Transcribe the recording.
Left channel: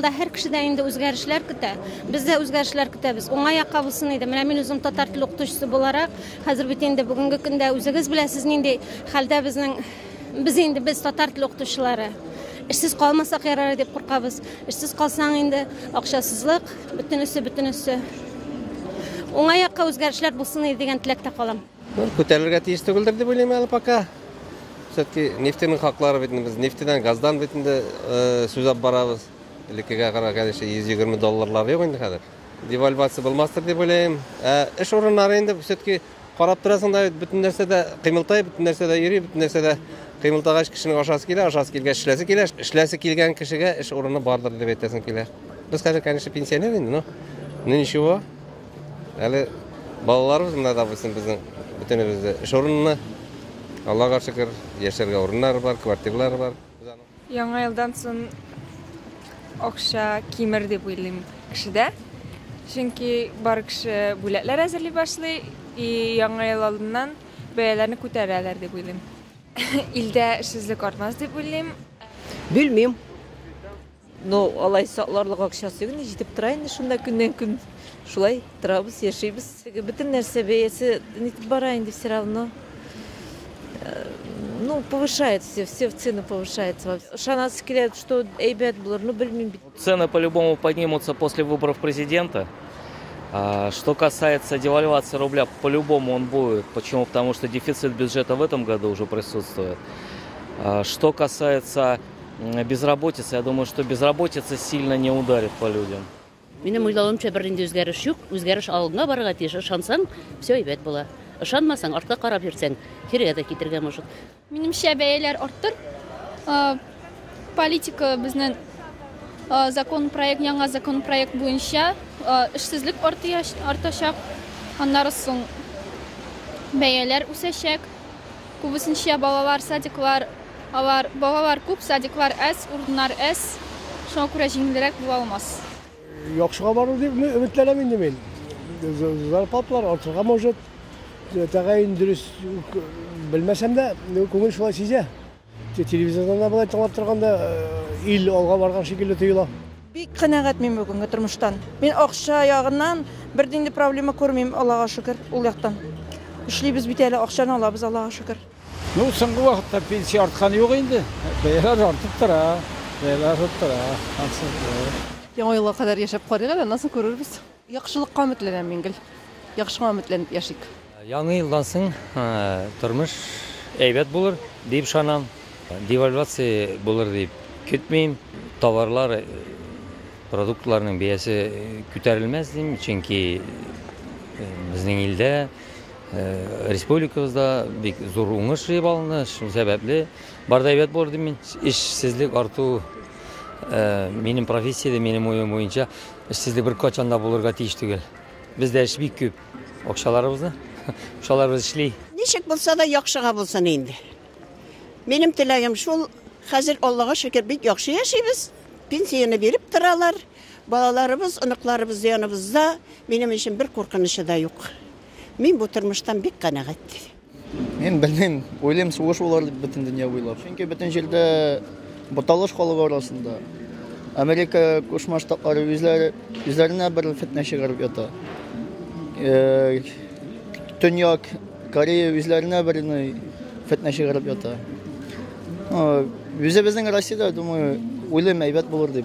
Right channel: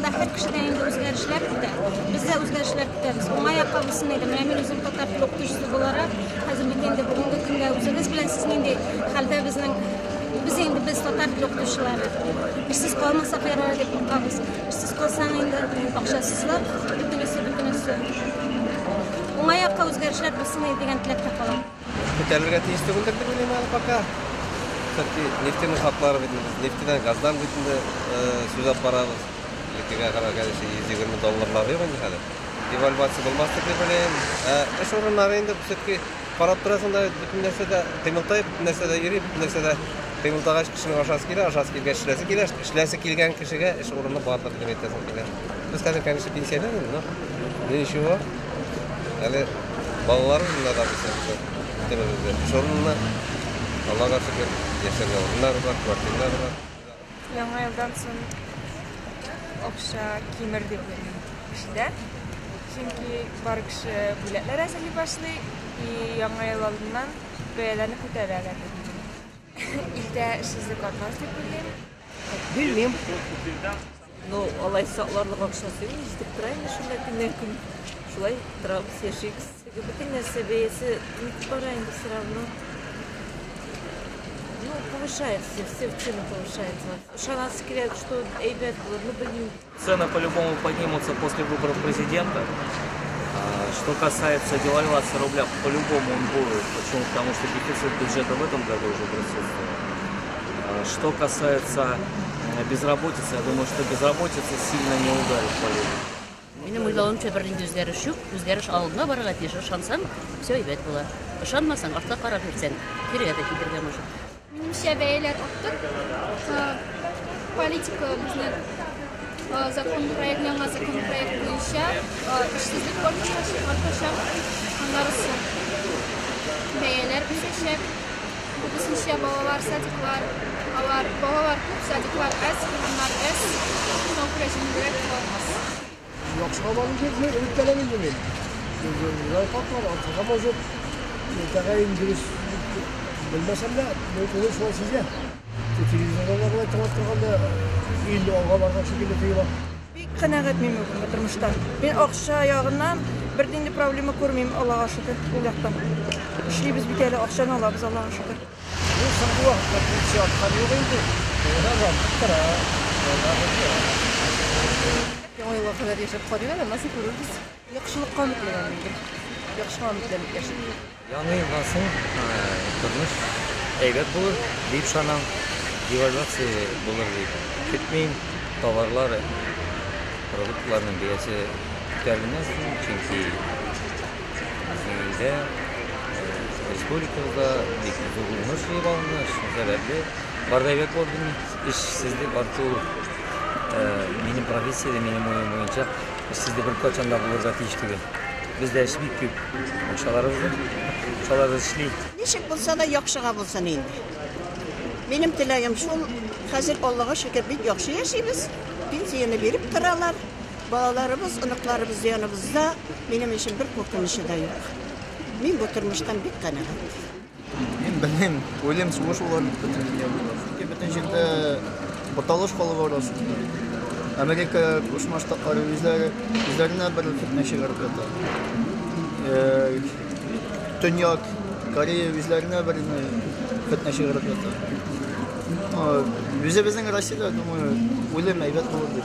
yılda her kişiden indi özgürlükler kütə. Biz de özgürlükler kütəbiz. Ona ayakkabısını idim. Mən özüm tatar tili oxutucusu olarak hazır bütün de bugünkü gündə özünüz biləsiz indi halda biz tatar tili oxutucuları. İşsiz kalmasak yarar dep qorqabız. İşsiz kalsan indi akşasızlık bütün üstü. Ona ayakkabı özgürlükler basın degan tilakta kalam. Көтәрелергә тиешле булдык дип уйлыйм әле пока. Все-таки нефтяный хаклары бит без нефтедән, газдан бит сүз алып барабыз. Лекегә гына конечно $120 юк инде хәзер. Девальвация булмаслык дип уйлыйм. Эш урыннары инде все-таки карап торасың да бөтен нәрсәдә кыймылтай, бөтен нәрсәдә йөри, бөтен нәрсәдә кыймылтагач кешенең ашасы килгән эшләсе килгән кешегә эш урыны бардыр дип әйтәсең килә. Без хәзер конечно пенсионер инде, но ничего. Әле балаларыбыз монда да безнең тенебезде. Эш урынына Аллага шөкер, яшәргә урыннар бар, квартиралар бар. Яңа елдан соң акча кимер дип уйлыйм кешедә. Чөнки бар кеше бүләкләр әзерли башлый, яңа ел алдыннан бәяләрне күтәрәләр дип уйлыйм. Илдә эшсезлек артмас дип уйлыйм. Белмим. Но алай сакларлык акчасы юк, җитеп тора инде шунда көннән көн. Шулай торабыз, яшибез. Бөтен нәрсә бәясе бара инде все равно. Ну, повышается, все в цены повышается. Шанасы килят, что ребят булар, ну, блин. Цены по-любому поднимутся после выборов президента. Что касается девальвации рубля, по-любому он будет. Почему? Потому что дефицит бюджета в этом году уже присутствует. Что касается безработицы, я думаю, что безработица сильно не ударит по людям. Минем уйлавымча бер инде үзгәреш юк. Үзгәреш алдына барырга тиеш. Ышансаң, все әйбәт була. Ышанмасаң, артка карап йөрсәң, кирегә дә китергә мөмкин. Минемчә бәяләр артты. Политика безнең яңа закон проект буенча эшсезлек артачак. Аннан соң бәяләр үсәчәк. Күбесенчә балалар, садиклар, балалар күп, садиклар әз, урыннар әз. Шуңа күрә җиңелрәк була алмас. Яхшыга барып өметләнәм инде мин. Зарплаталар артырга может. Тәгаен дөрес белмәсәм дә, күңел шулай сизә. Телевизорда булай тыңлап торганда ил алга барган шикелле тоела. Бик канәгатьмен бүгенге тормыштан. Мин акча ягыннан бер динди проблема күрмим, Аллага шөкер, ул яктан. Эшлибез бит әле, акчаны алабыз, Аллага шөкер. Ну, соңгы вакытта пенсия артканы юк инде. Яңа елга кадәр яшәп карыйк, нәрсә күрербез. Яхшылыкка өметләнәм инде. Яхшыга өметләнеп яшик. Яңа елдан соң тормыш әйбәт булыр дип ышанам. Девальвация булыр дип көтмим. Товарлар, продуктларның бәясе күтәрелмәс, чөнки безнең илдә, республикабызда бик зур уңыш җыеп алынды. Шул сәбәпле бар да әйбәт булыр дип, эшсезлек арту минем профессиядә, минем уем буенча эшсезлек бер качан да булырга тиеш түгел. Бездә эш бик күп. Акчаларыбыз эшли. Ничек булса да яхшыга булсын инде. Минем теләгем шул, хәзер Аллага шөкер бик яхшы яшибез. Пенсияны биреп торалар. Балаларыбыз, оныкларыбыз яныбызда. Минем өчен бер куркынышы да юк. Мин бу тормыштан бик канәгать. Мин белмим, уйлыйм сугыш булыр бөтен дөнья буйлап. Чөнки бөтен җирдә буталыш халык арасында. Америка Кушма Штатлары үзләренә бер фитнә чыгарып ята. Төньяк Корея үзләренә бер фитнә чыгарып ята. Үзебезнең Россиядә, думаю, уйлыйм әйбәт булыр дип.